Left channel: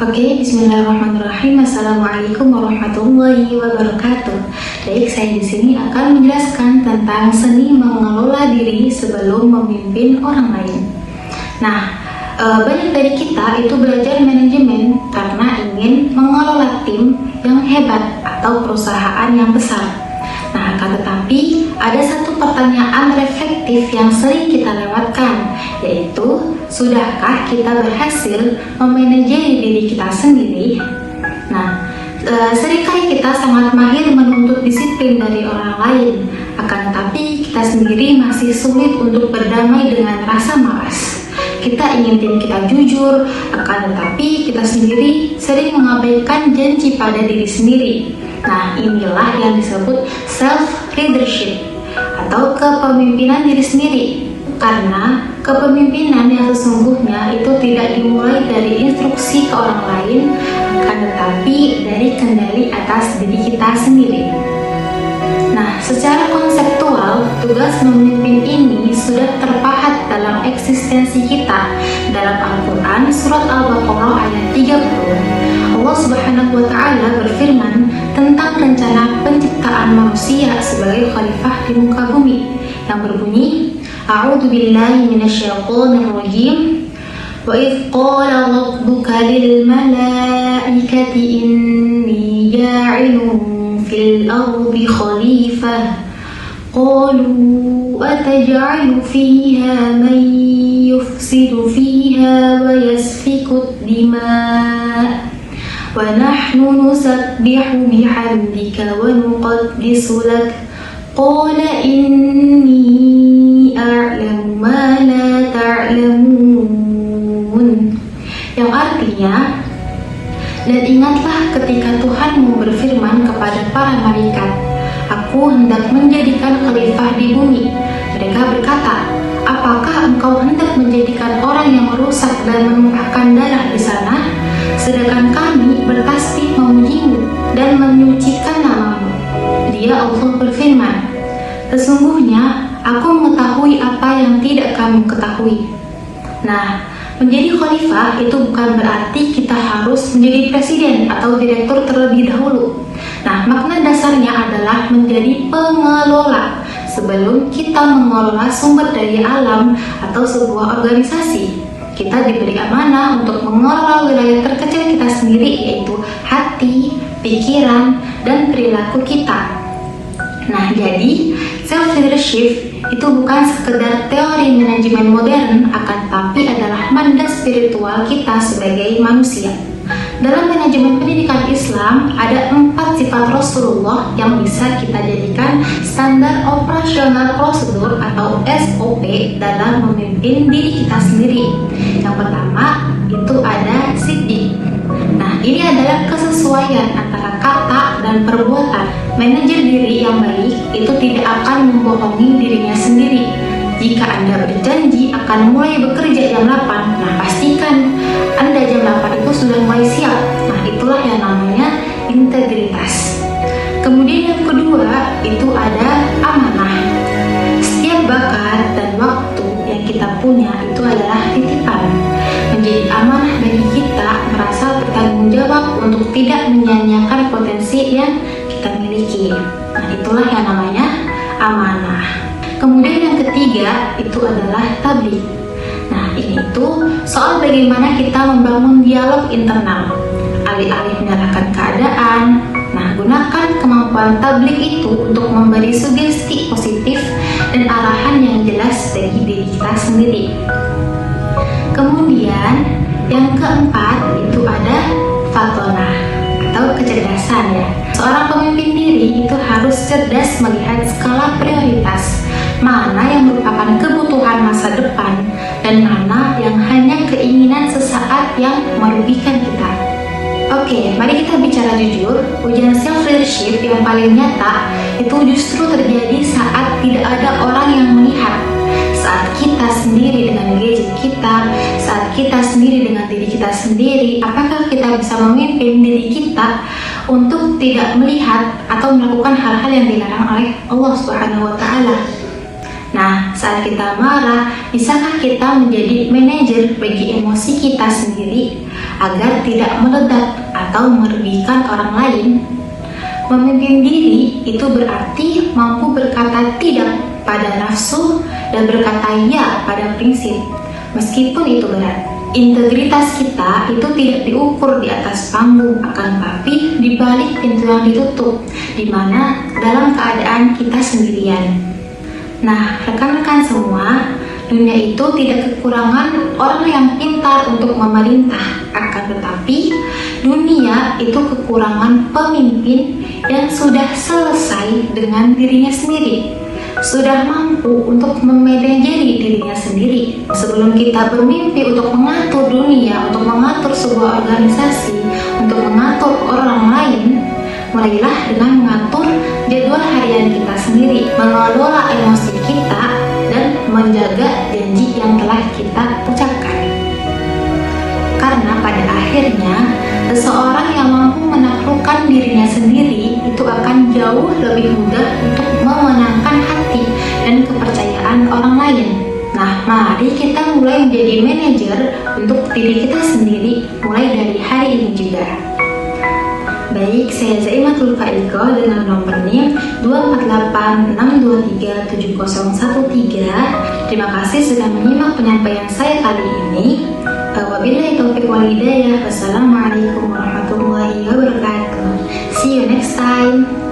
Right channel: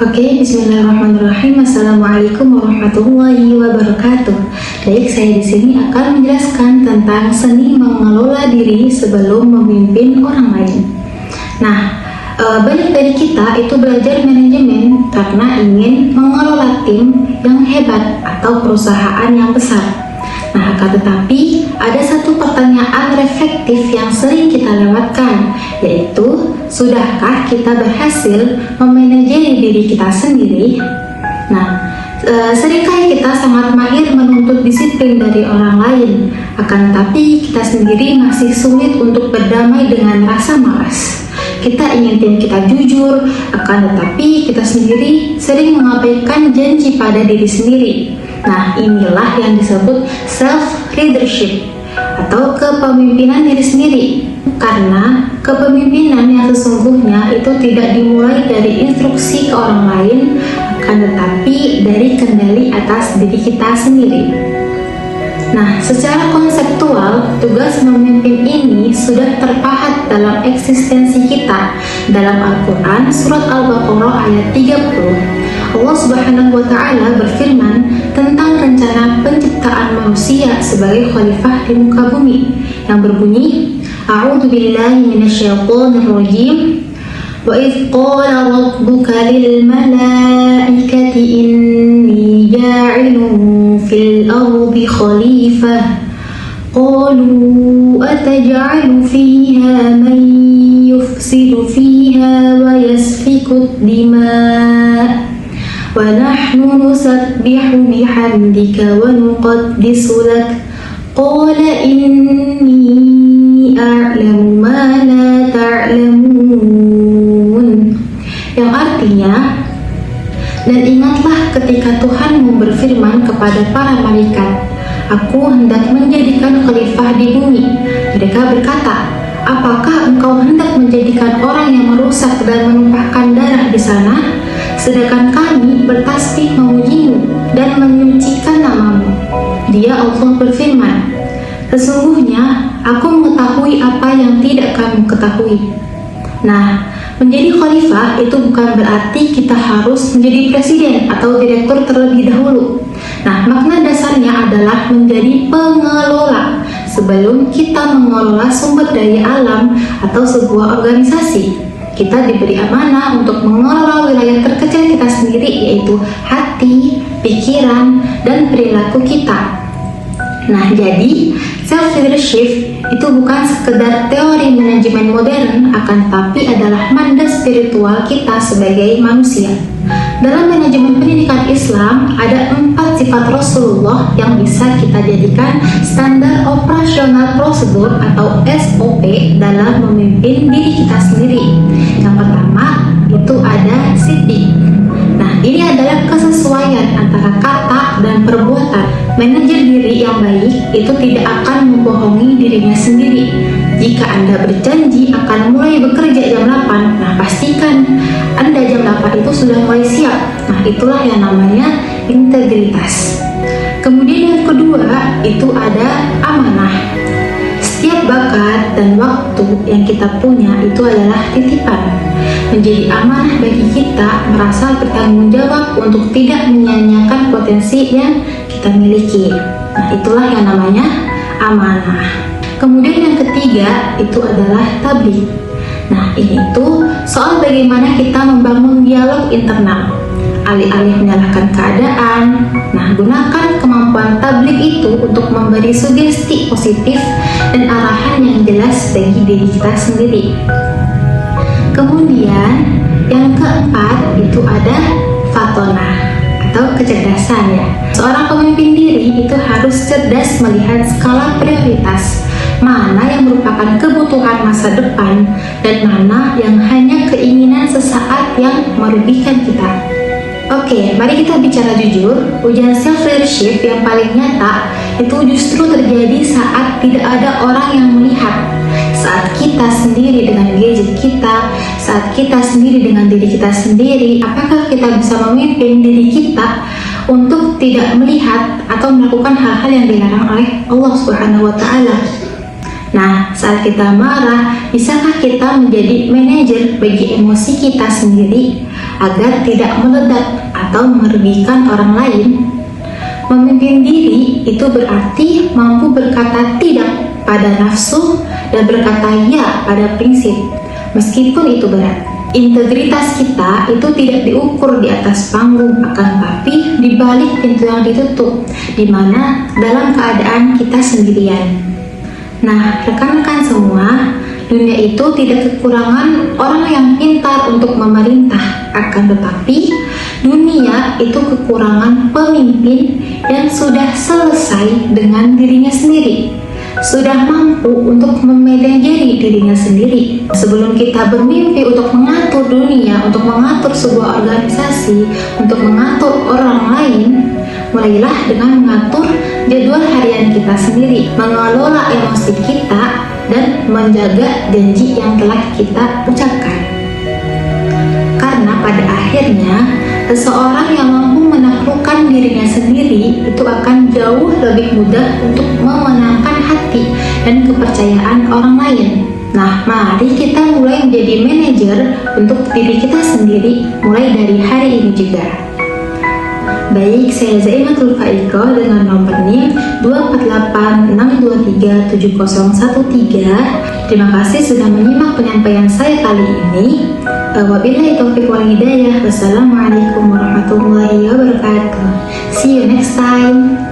Oke, bismillahirrahmanirrahim. Assalamualaikum warahmatullahi wabarakatuh. Baik, saya di sini akan menjelaskan tentang seni mengelola diri sebelum memimpin orang lain. Nah, banyak dari kita itu belajar manajemen karena ingin mengelola tim yang hebat atau perusahaan yang besar. Nah, akan tetapi ada satu pertanyaan reflektif yang sering kita lewatkan, yaitu sudahkah kita berhasil memanajeri diri kita sendiri? Nah, seringkali kita sangat mahir menuntut disiplin dari orang lain, akan tetapi kita sendiri masih sulit untuk berdamai dengan rasa malas. Kita ingin tim kita jujur, akan tetapi kita sendiri sering mengabaikan janji pada diri sendiri. Nah, inilah yang disebut self-leadership atau kepemimpinan diri sendiri. Karena kepemimpinan yang sesungguhnya itu tidak dimulai dari instruksi ke orang lain, akan tetapi dari kendali atas diri kita sendiri. Nah, secara konseptual, tugas memimpin ini sudah terpahat dalam eksistensi kita. Dalam Al-Quran, surat Al-Baqarah ayat 30, Allah Subhanahu wa Ta'ala berfirman tentang rencana penciptaan manusia sebagai khalifah di muka bumi, yang berbunyi, A'udzu billahi minasyaitonir rajim. Wa idz qala rabbuka lil malaikati inni ja'ilun fil ardi khalifah qalu ataj'alu fiha man yufsidu fiha wa yasfiku dima' wa nahnu nusabbihu bihamdika wa nuqaddisu lak qala inni a'lamu ma la ta'lamun, yang artinya, dan ingatlah ketika Tuhanmu berfirman kepada para malaikat, aku hendak menjadikan khalifah di bumi. Mereka berkata, apakah engkau hendak menjadikan orang yang merusak dan menumpahkan darah di sana? Sedangkan kami bertasbih memujimu dan menyucikan namamu. Dia Allah berfirman, sesungguhnya aku mengetahui apa yang tidak kamu ketahui. Nah, menjadi khalifah itu bukan berarti kita harus menjadi presiden atau direktur terlebih dahulu. Nah, makna dasarnya adalah menjadi pengelola sebelum kita mengelola sumber daya alam atau sebuah organisasi. Kita diberi amanah untuk mengelola wilayah terkecil kita sendiri, yaitu hati, pikiran, dan perilaku kita. Nah, jadi self-leadership itu bukan sekedar teori manajemen modern, akan tapi adalah mandat spiritual kita sebagai manusia. Dalam manajemen pendidikan Islam, ada 4 sifat Rasulullah yang bisa kita jadikan standar operasional prosedur atau SOP dalam memimpin diri kita sendiri. Yang pertama, itu ada siddiq. Nah, ini adalah kesesuaian antara kata dan perbuatan. Manajer diri yang baik itu tidak akan membohongi dirinya sendiri. Jika Anda berjanji akan mulai bekerja jam 8, nah pastikan Anda jam 8 itu sudah mulai siap. Nah, itulah yang namanya integritas. Kemudian yang kedua, itu ada amanah. Setiap bakat dan waktu yang kita punya itu adalah titipan. Menjadi amanah bagi kita merasa bertanggung jawab untuk tidak menyia-nyiakan potensi yang kita miliki. Nah, itulah yang namanya amanah. Kemudian yang ketiga itu adalah tabligh. Nah, ini itu soal bagaimana kita membangun dialog internal. Alih-alih menyalahkan keadaan, nah gunakan kemampuan tabligh itu untuk memberi sugesti positif dan arahan yang jelas bagi diri kita sendiri. Kemudian yang keempat itu ada fatonah atau kecerdasan ya. Seorang pemimpin diri itu harus cerdas melihat skala prioritas, mana yang merupakan kebutuhan masa depan dan mana yang hanya keinginan sesaat yang merugikan kita. Oke, mari kita bicara jujur. Ujian self-leadership yang paling nyata itu justru terjadi saat tidak ada orang yang melihat. Saat kita sendiri dengan gadget kita, saat kita sendiri dengan diri kita sendiri, apakah kita bisa memimpin diri kita untuk tidak melihat atau melakukan hal-hal yang dilarang oleh Allah Subhanahu wa Ta'ala? Nah, Saat kita marah, bisakah kita menjadi manajer bagi emosi kita sendiri agar tidak meledak atau merugikan orang lain? Memimpin diri itu berarti mampu berkata tidak pada nafsu dan berkata ya pada prinsip, meskipun itu berat. Integritas kita itu tidak diukur di atas panggung, akan tetapi di balik pintu yang ditutup, di mana dalam keadaan kita sendirian. Nah, rekan-rekan semua, dunia itu tidak kekurangan orang yang pintar untuk memerintah, akan tetapi dunia itu kekurangan pemimpin yang sudah selesai dengan dirinya sendiri, sudah mampu untuk memanajeri dirinya sendiri. Sebelum kita bermimpi untuk mengatur dunia, untuk mengatur sebuah organisasi, untuk mengatur orang lain, mulailah dengan mengatur jadwal harian kita sendiri, mengelola emosi kita, dan menjaga janji yang telah kita ucapkan. Karena pada akhirnya, seseorang yang mampu menaklukkan dirinya sendiri itu akan jauh lebih mudah untuk memenangkan hati dan kepercayaan orang lain. Nah, mari kita mulai menjadi manajer untuk diri kita sendiri mulai dari hari ini juga. Baik, saya Zaimatul Faiko dengan nomor NIM 24862370113. Terima kasih sudah menyimak penyampaian saya kali ini. Wabillahi taufiq wal hidayah. Wassalamualaikum warahmatullahi wabarakatuh. See you next time.